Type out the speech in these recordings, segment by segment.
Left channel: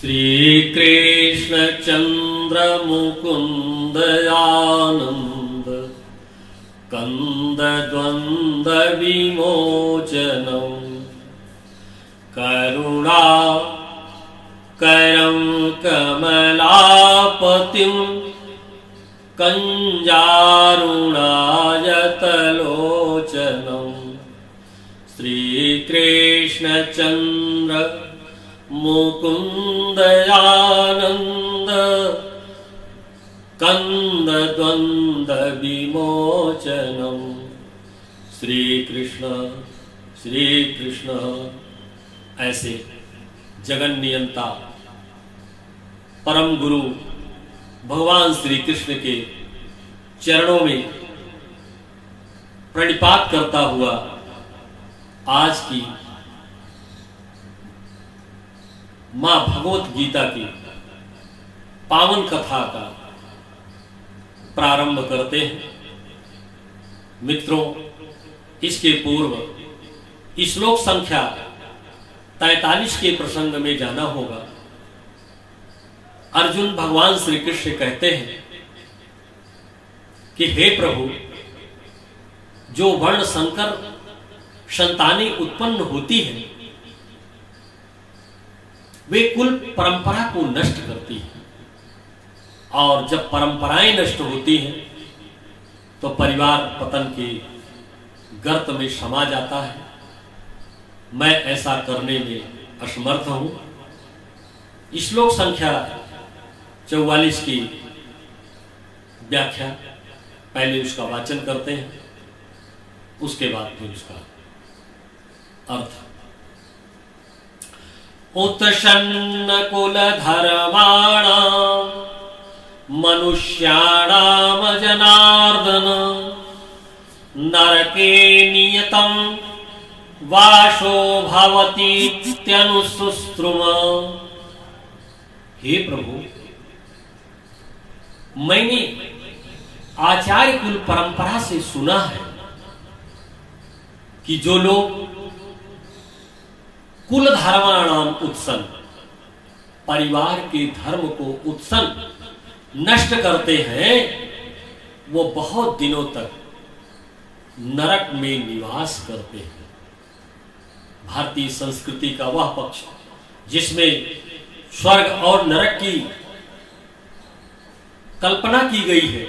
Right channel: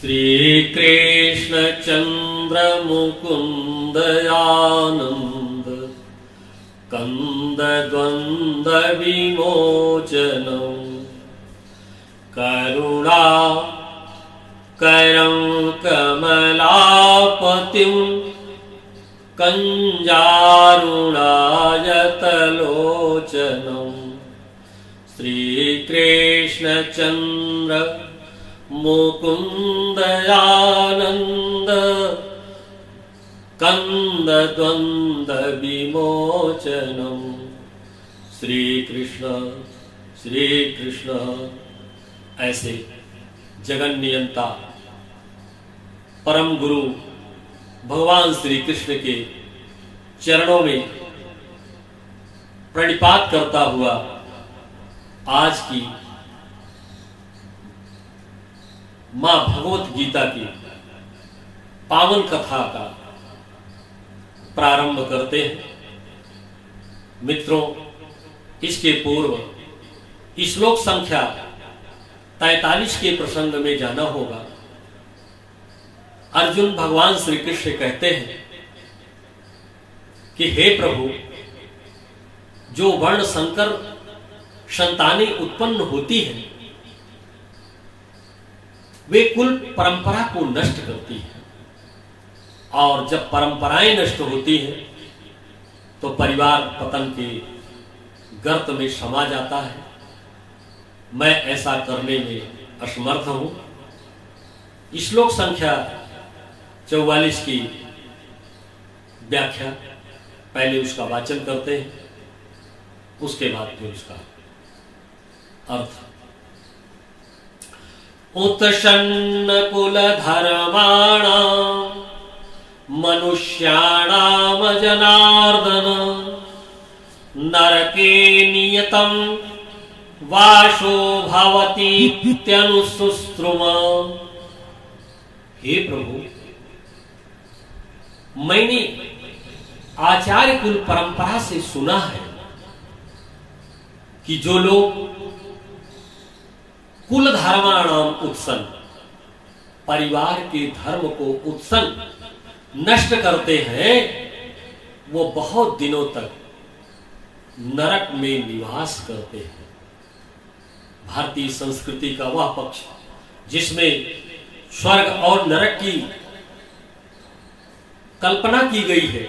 श्रीकृष्ण चंद्र मुकुंद आनंद कंद द्वंद्व विमोचनम करुणा करं कमलापतिं कंजारुणायतलोचनं श्रीकृष्ण चंद्र मुकुंद आनंद कंद द्वंद्व विमोचनम श्री कृष्ण ऐसे जगन नियंता परम गुरु भगवान श्री कृष्ण के चरणों में प्रणिपात करता हुआ आज की मां भगवत गीता की पावन कथा का प्रारंभ करते हैं। मित्रों, इसके पूर्व श्लोक संख्या 43 के प्रसंग में जाना होगा। अर्जुन भगवान श्री कृष्ण कहते हैं कि हे प्रभु, जो वर्ण संकर संतानें उत्पन्न होती हैं वे कुल परंपरा को नष्ट करती हैं, और जब परंपराएं नष्ट होती हैं तो परिवार पतन के गर्त में समा जाता है। मैं ऐसा करने में असमर्थ हूं। श्लोक संख्या 44 की व्याख्या, पहले उसका वाचन करते हैं, उसके बाद फिर उसका अर्थ। उत्सन्न कुल धर्माणाम मनुष्याणाम जनार्दन नरके नियतम वासो भवतीत्यनुसुस्त्रुम। हे प्रभु, मैंने आचार्य कुल परंपरा से सुना है कि जो लोग कुल धर्माणाम उत्सन, परिवार के धर्म को उत्सन नष्ट करते हैं, वो बहुत दिनों तक नरक में निवास करते हैं। भारतीय संस्कृति का वह पक्ष जिसमें स्वर्ग और नरक की कल्पना की गई है,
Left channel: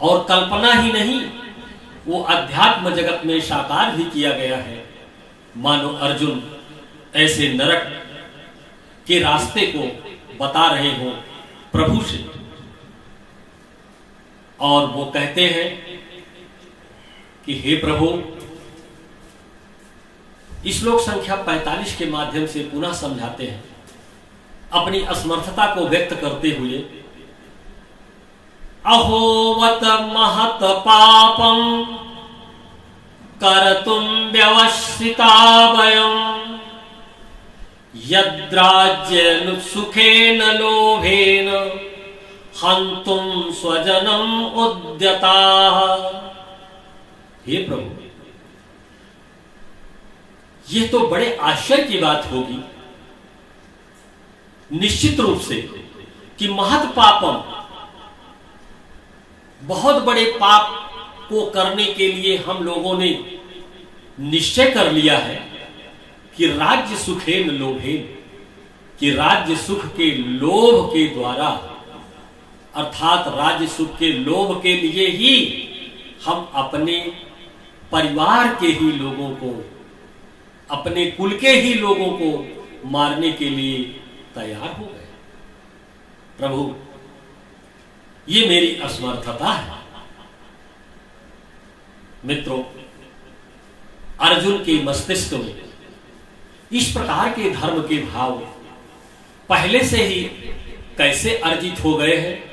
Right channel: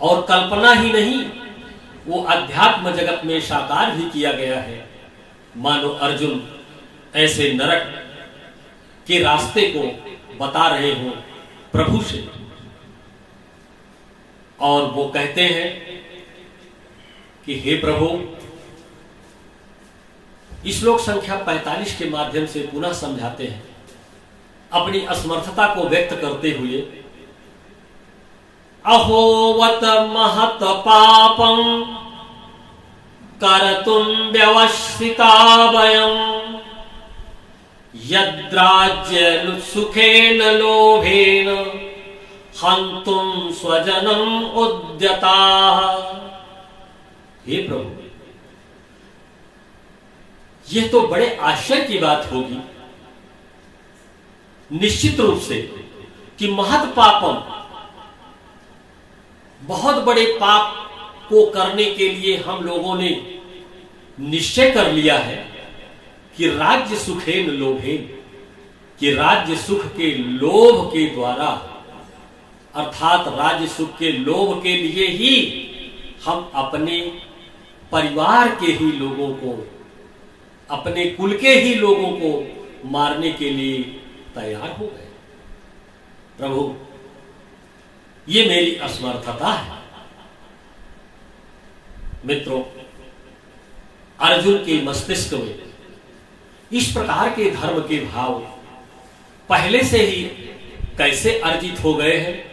और कल्पना ही नहीं, वो अध्यात्म जगत में साकार भी किया गया है। मानो अर्जुन ऐसे नरक के रास्ते को बता रहे हो प्रभु से, और वो कहते हैं कि हे प्रभु, श्लोक संख्या 45 के माध्यम से पुनः समझाते हैं, अपनी असमर्थता को व्यक्त करते हुए। अहोवत महत पापम करतुम व्यवस्थिता वयं यद्राज्य सुखेन लोभेन हन्तुम स्वजनम उद्यताः। हे प्रभु, यह तो बड़े आश्चर्य की बात होगी निश्चित रूप से कि महत पापम, बहुत बड़े पाप को करने के लिए हम लोगों ने निश्चय कर लिया है कि राज्य सुखेन लोभेन, कि राज्य सुख के लोभ के द्वारा, अर्थात राज्य सुख के लोभ के लिए ही हम अपने परिवार के ही लोगों को, अपने कुल के ही लोगों को मारने के लिए तैयार हो गए। प्रभु, ये मेरी असमर्थता है। मित्रों, अर्जुन के मस्तिष्क में इस प्रकार के धर्म के भाव पहले से ही कैसे अर्जित हो गए हैं।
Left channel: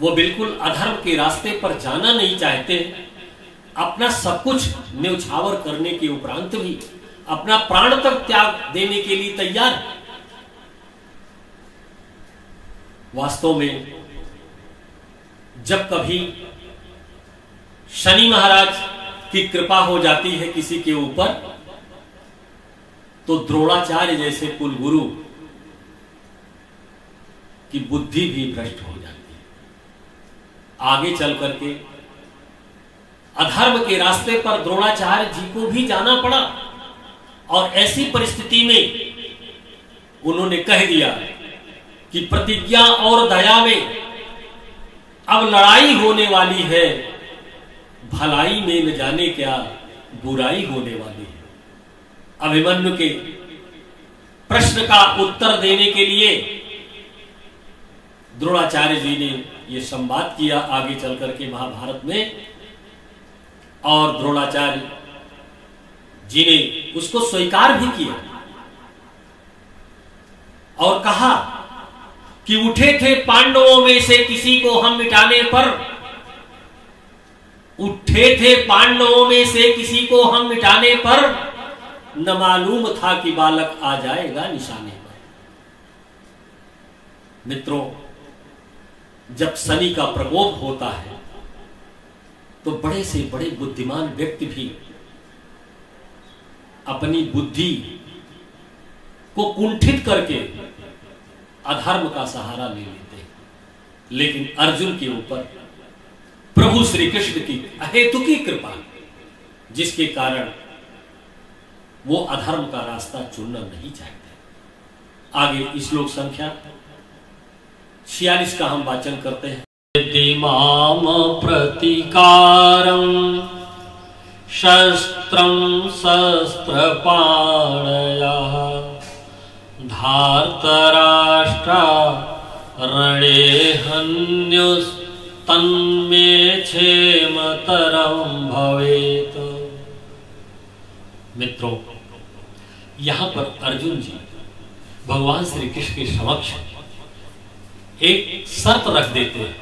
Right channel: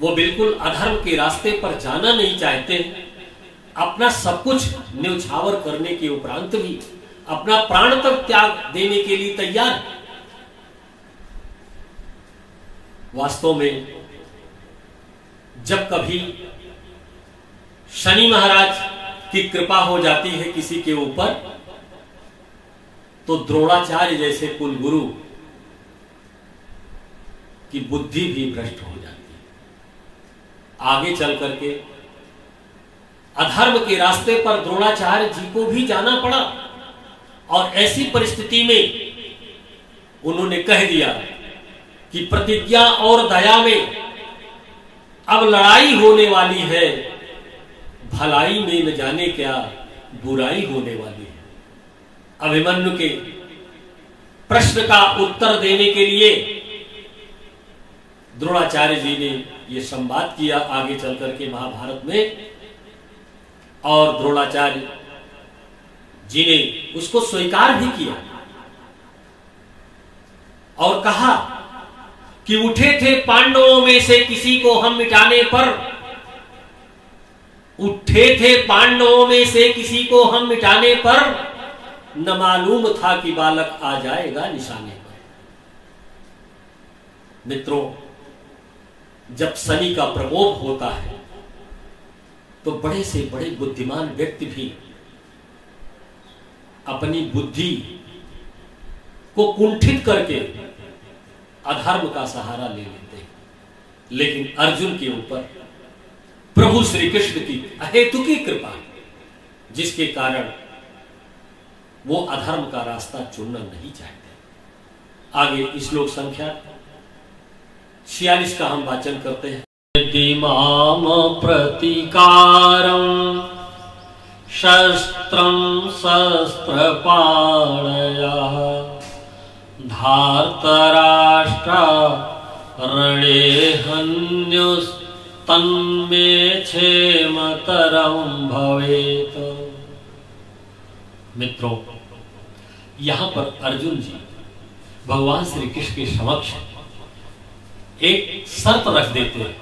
वो बिल्कुल अधर्म के रास्ते पर जाना नहीं चाहते, अपना सब कुछ न्यौछावर करने के उपरांत भी अपना प्राण तक त्याग देने के लिए तैयार। वास्तव में जब कभी शनि महाराज की कृपा हो जाती है किसी के ऊपर, तो द्रोणाचार्य जैसे कुल गुरु कि बुद्धि भी भ्रष्ट हो जाती है। आगे चल करके अधर्म के रास्ते पर द्रोणाचार्य जी को भी जाना पड़ा और ऐसी परिस्थिति में उन्होंने कह दिया कि प्रतिज्ञा और दया में अब लड़ाई होने वाली है, भलाई में न जाने क्या बुराई होने वाली है। अभिमन्यु के प्रश्न का उत्तर देने के लिए द्रोणाचार्य जी ने यह संवाद किया आगे चल करके महाभारत में, और द्रोणाचार्य जी ने उसको स्वीकार भी किया और कहा कि उठे थे पांडवों में से किसी को हम मिटाने पर, उठे थे पांडवों में से किसी को हम मिटाने पर, न मालूम था कि बालक आ जाएगा निशाने पर। मित्रों, जब शनि का प्रकोप होता है तो बड़े से बड़े बुद्धिमान व्यक्ति भी अपनी बुद्धि को कुंठित करके अधर्म का सहारा ले लेते हैं। लेकिन अर्जुन के ऊपर प्रभु श्री कृष्ण की अहेतुकी कृपा, जिसके कारण वो अधर्म का रास्ता चुनना नहीं चाहते। आगे श्लोक संख्या 46 का हम वाचन करते हैं। यदि माम प्रतिकारं शस्त्रं शस्त्रपाणयः धार्तराष्ट्रा रणे हन्युस्तन्मे क्षेमतरं भवेत्। मित्रों, यहां पर अर्जुन जी भगवान श्री कृष्ण के समक्ष एक शर्त रख देते हैं,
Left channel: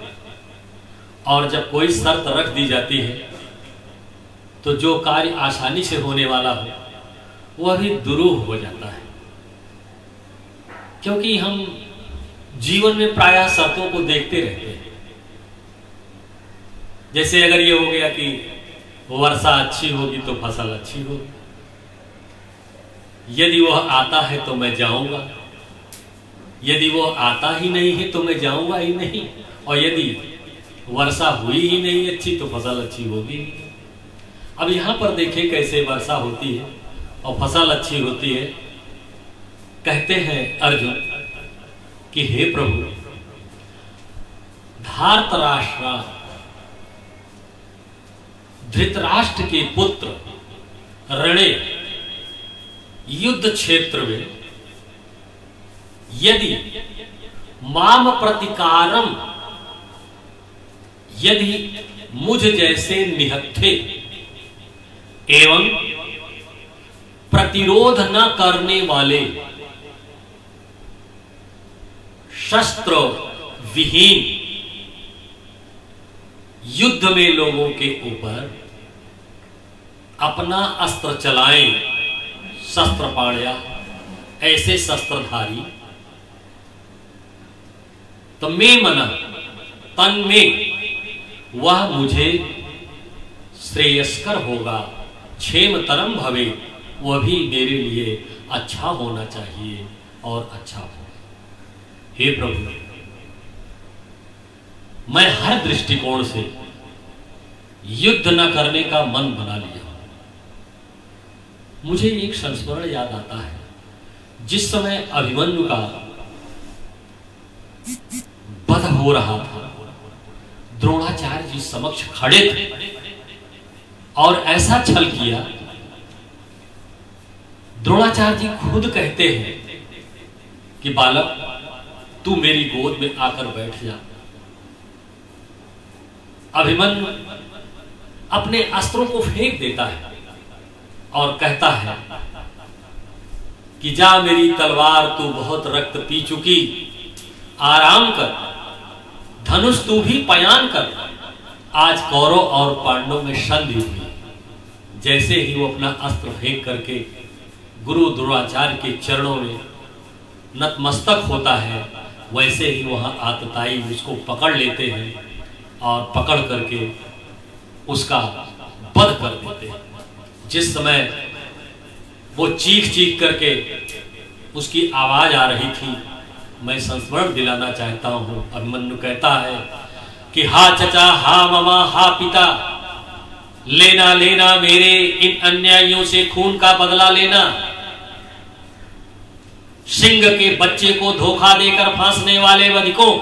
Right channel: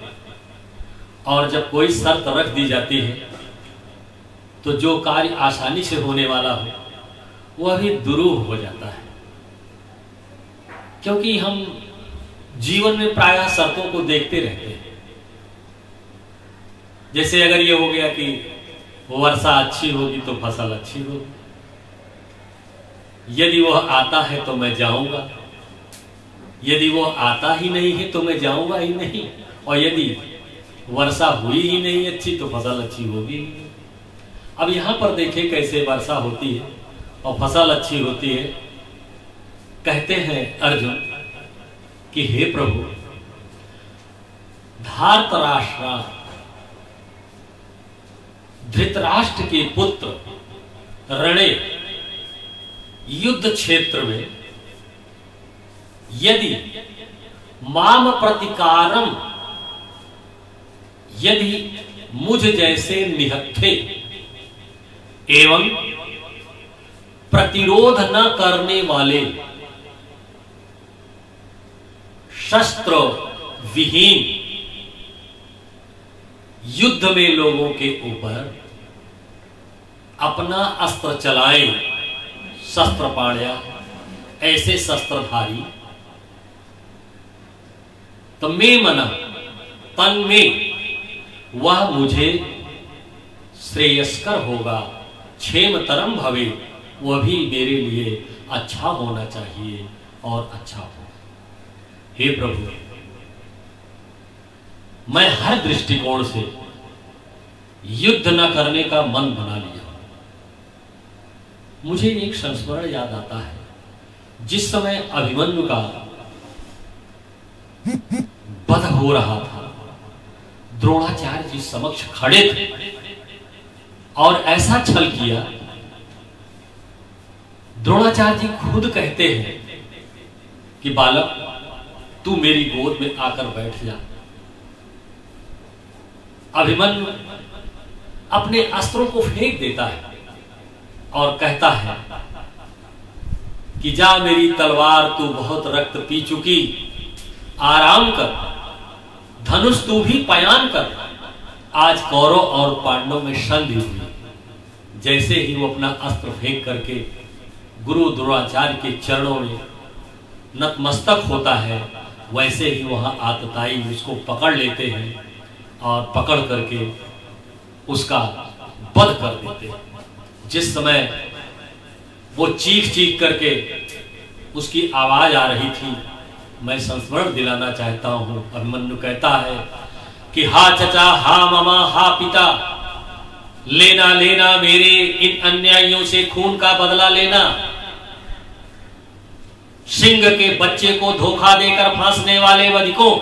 और जब कोई शर्त रख दी जाती है तो जो कार्य आसानी से होने वाला हो वह भी दुरूह हो जाता है। क्योंकि हम जीवन में प्रायः शर्तों को देखते रहते हैं। जैसे अगर ये हो गया कि वर्षा अच्छी होगी तो फसल अच्छी होगी, यदि वह आता है तो मैं जाऊंगा, यदि वो आता ही नहीं है तो मैं जाऊंगा ही नहीं, और यदि वर्षा हुई ही नहीं अच्छी तो फसल अच्छी होगी ही नहीं। अब यहां पर देखिए कैसे वर्षा होती है और फसल अच्छी होती है। कहते हैं अर्जुन कि हे प्रभु, धार्तराष्ट्र धृतराष्ट्र के पुत्र रणे युद्ध क्षेत्र में यदि माम प्रतिकारम, यदि मुझ जैसे निहत्थे एवं प्रतिरोध न करने वाले शस्त्र विहीन युद्ध में लोगों के ऊपर अपना अस्त्र चलाएं, शस्त्र पाण्या, ऐसे शस्त्रधारी, तो मैं मना तन में वह मुझे श्रेयस्कर होगा, क्षेमतरम भवे, वह भी मेरे लिए अच्छा होना चाहिए और अच्छा होगा। हे प्रभु, मैं हर दृष्टिकोण से युद्ध न करने का मन बना लिया। मुझे एक संस्मरण याद आता है, जिस समय अभिमन्यु का वध हो रहा था, द्रोणाचार्य जी समक्ष खड़े थे और ऐसा छल किया। द्रोणाचार्य जी खुद कहते हैं कि बालक, तू मेरी गोद में आकर बैठ जा। अभिमन्यु अपने अस्त्रों को फेंक देता है और कहता है कि जा मेरी तलवार, तू बहुत रक्त पी चुकी, आराम कर, धनुष तू भी पयान कर। आज कौरव और पांडव में संधि हुई। जैसे ही वो अपना अस्त्र फेंक करके गुरु द्रोणाचार्य के चरणों में नतमस्तक होता है, वैसे ही वहां आतताई उसको पकड़ लेते हैं और पकड़ करके उसका वध कर देते हैं। जिस समय वो चीख चीख करके उसकी आवाज आ रही थी, मैं संस्मरण दिलाना चाहता हूं। अभिमन्यु कहता है कि हा चचा, हा मामा, हा पिता, लेना लेना मेरे इन अन्यायियों से खून का बदला लेना। सिंह के बच्चे को धोखा देकर फांसने वाले वधिकों,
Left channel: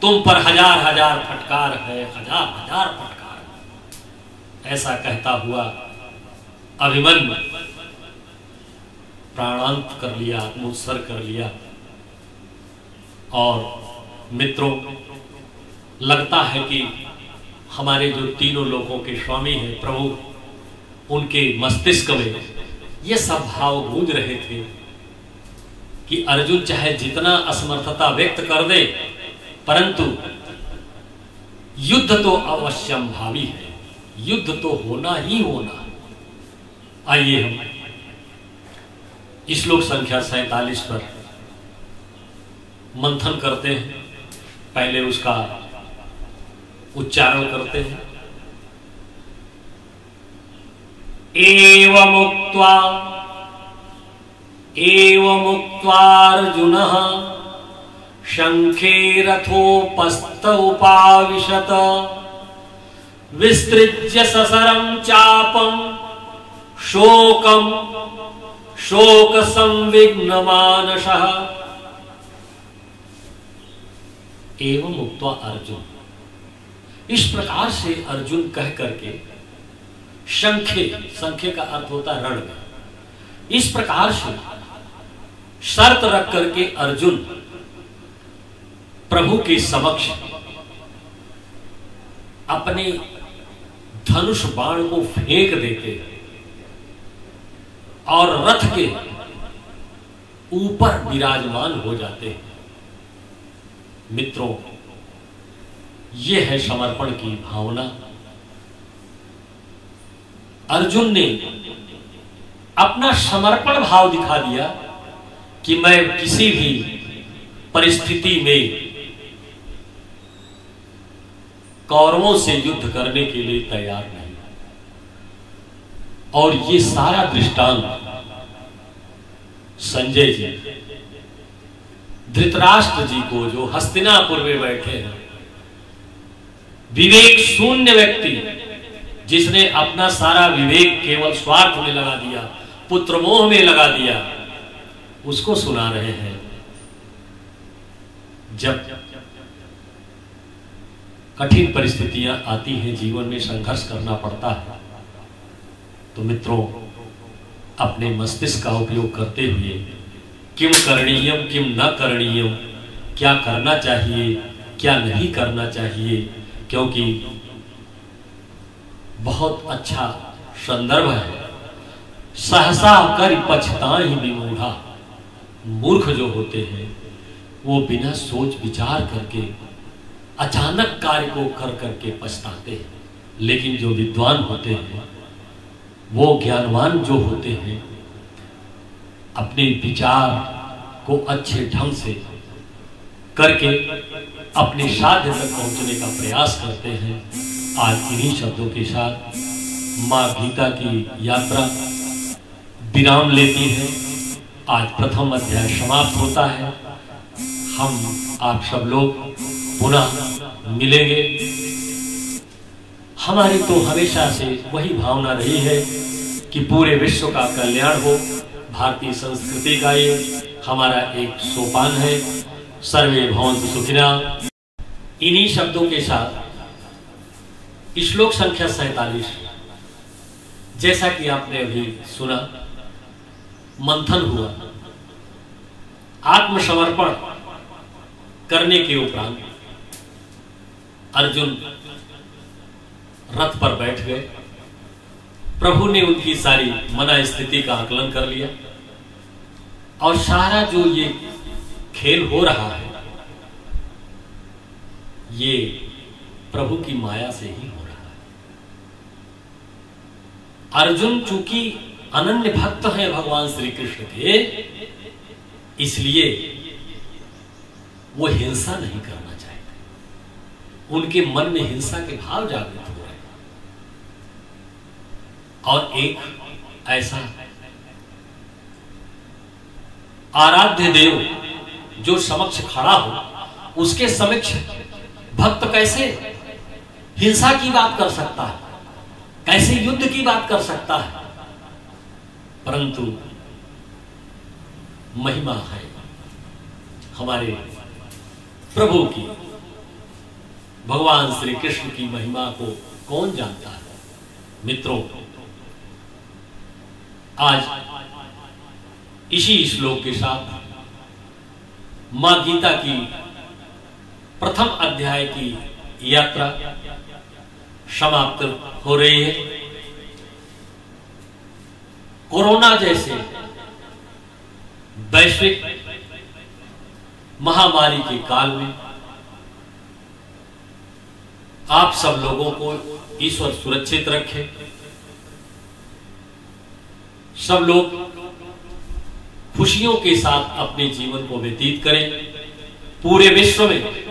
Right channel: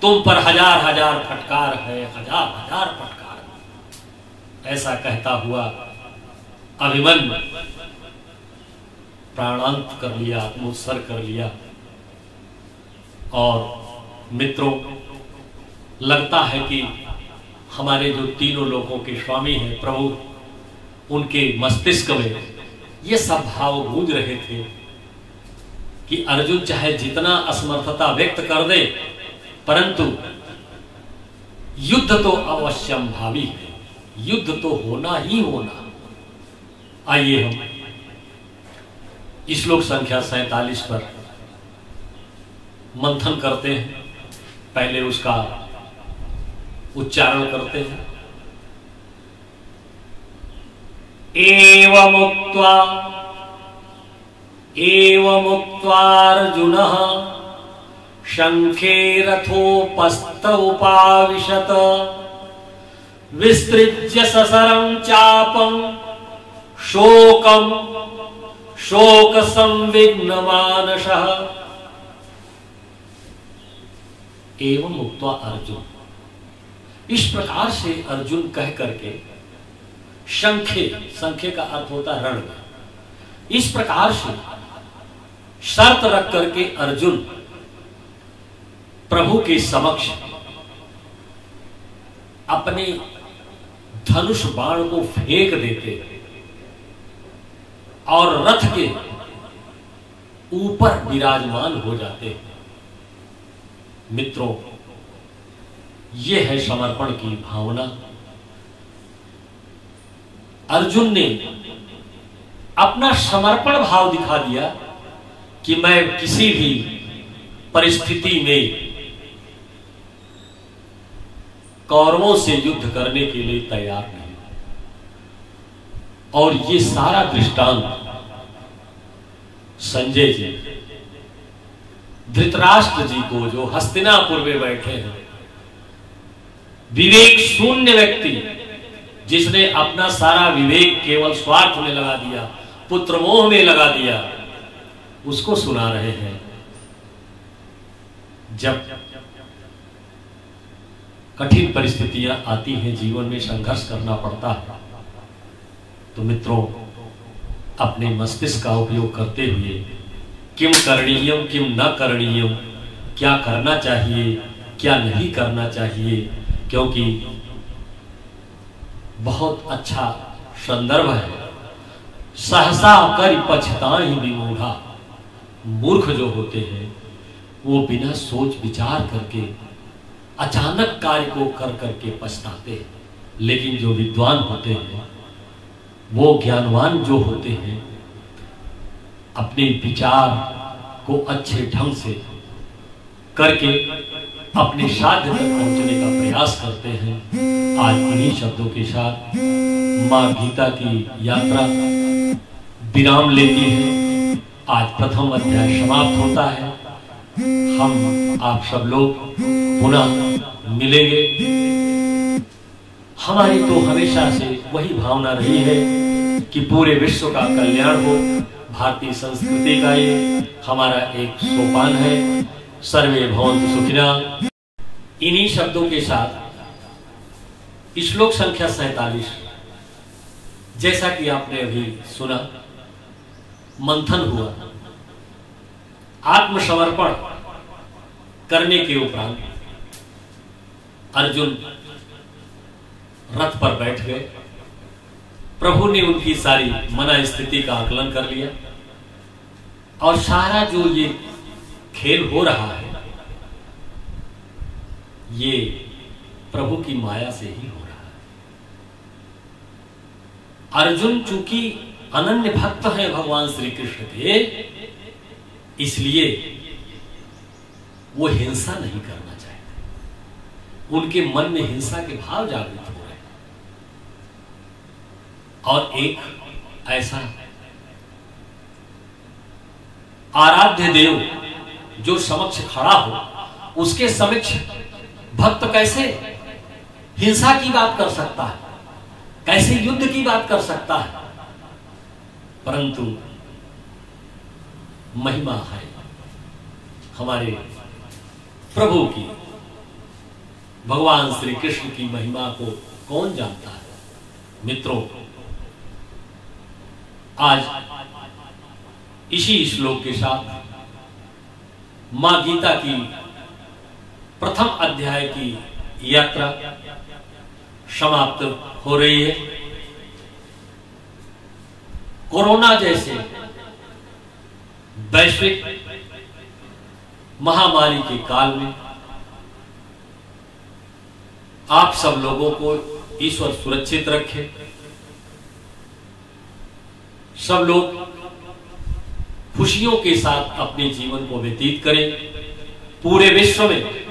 तुम पर हजार हजार फटकार है, हजार हजार फटकार। ऐसा कहता हुआ अभिमन्यु प्राणांत कर लिया, आत्मोत्सर्ग कर लिया। और मित्रों, लगता है कि हमारे जो तीनों लोकों के स्वामी हैं प्रभु, उनके मस्तिष्क में ये सब भाव गूंज रहे थे कि अर्जुन चाहे जितना असमर्थता व्यक्त कर दे, परंतु युद्ध तो अवश्यम भावी है, युद्ध तो होना ही होना। आइए हम श्लोक संख्या 47 पर मंथन करते हैं। पहले उसका उच्चारण करते हैं। एवमुक्त्वार्जुनः शंखे रथोपस्थ उपाविशत विस्तृज्य ससरं चापं शोक संविघ्नमानसः। एवं उक्त्वा अर्जुन, इस प्रकार से अर्जुन कह करके शंखे का अर्थ होता है रण में, इस प्रकार से शर्त रख करके अर्जुन प्रभु के समक्ष अपने धनुष बाण को फेंक देते और रथ के ऊपर विराजमान हो जाते हैं। मित्रों, यह है समर्पण की भावना। अर्जुन ने अपना समर्पण भाव दिखा दिया कि मैं किसी भी परिस्थिति में कौरवों से युद्ध करने के लिए तैयार नहीं। और ये सारा दृष्टांत संजय जी, धृतराष्ट्र जी को, जो हस्तिनापुर में बैठे हैं, विवेक शून्य व्यक्ति जिसने अपना सारा विवेक केवल स्वार्थ में लगा दिया, पुत्र मोह में लगा दिया, उसको सुना रहे हैं। जब कठिन परिस्थितियां आती हैं, जीवन में संघर्ष करना पड़ता है, तो मित्रों अपने मस्तिष्क का उपयोग करते हुए किम करणीयम किम न करणीयम, क्या करना चाहिए क्या नहीं करना चाहिए, क्योंकि बहुत अच्छा संदर्भ है। सहसा कर पछताहि विमूढ़ा, मूर्ख जो होते हैं वो बिना सोच विचार करके अचानक कार्य को कर करके पछताते हैं, लेकिन जो विद्वान होते हैं, वो ज्ञानवान जो होते हैं, अपने विचार को अच्छे ढंग से करके अपने साध्य तक पहुंचने का प्रयास करते हैं। आज इन्हीं शब्दों के साथ मां गीता की यात्रा विराम लेती है। आज प्रथम अध्याय समाप्त होता है। हम आप सब लोग पुनः मिलेंगे। हमारी तो हमेशा से वही भावना रही है कि पूरे विश्व का कल्याण हो। भारतीय संस्कृति का ये हमारा एक सोपान है। सर्वे भवन्तु सुखिनः। इन्हीं शब्दों के साथ श्लोक संख्या 47, जैसा कि आपने अभी सुना, मंथन हुआ, आत्मसमर्पण करने के उपरांत अर्जुन रथ पर बैठ गए। प्रभु ने उनकी सारी मना स्थिति का आकलन कर लिया और सारा जो ये खेल हो रहा है, ये प्रभु की माया से ही हो रहा है। अर्जुन चूंकि अनन्य भक्त हैं भगवान श्री कृष्ण के, इसलिए वो हिंसा नहीं करना चाहते। उनके मन में हिंसा के भाव जागृत हो रहे हैं। और एक ऐसा आराध्य देव जो समक्ष खड़ा हो उसके समक्ष भक्त कैसे हिंसा की बात कर सकता है, कैसे युद्ध की बात कर सकता है। परंतु महिमा है हमारे प्रभु की, भगवान श्री कृष्ण की महिमा को कौन जानता है। मित्रों, आज इसी श्लोक के साथ मां गीता की प्रथम अध्याय की यात्रा समाप्त हो रही है। कोरोना जैसे वैश्विक महामारी के काल में आप सब लोगों को ईश्वर सुरक्षित रखे। सब लोग खुशियों के साथ अपने जीवन को व्यतीत करें। पूरे विश्व में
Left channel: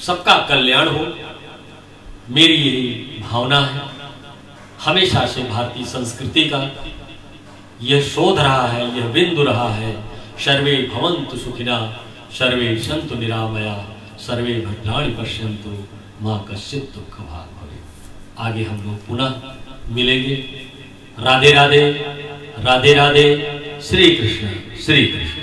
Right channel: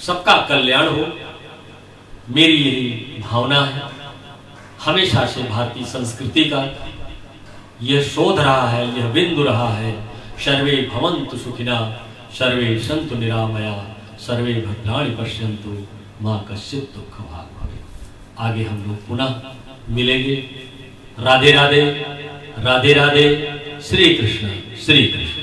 सबका कल्याण हो, मेरी यही भावना है। हमेशा से भारतीय संस्कृति का यह शोध रहा है, यह बिंदु रहा है। सर्वे भवन्तु सुखिना, सर्वे सन्तु निरामया, सर्वे भद्राणि पश्यन्तु, मां कश्चित् दुःख भाग् भवेत्। आगे हम लोग पुनः मिलेंगे। राधे राधे, राधे राधे। श्री कृष्ण, श्री कृष्ण।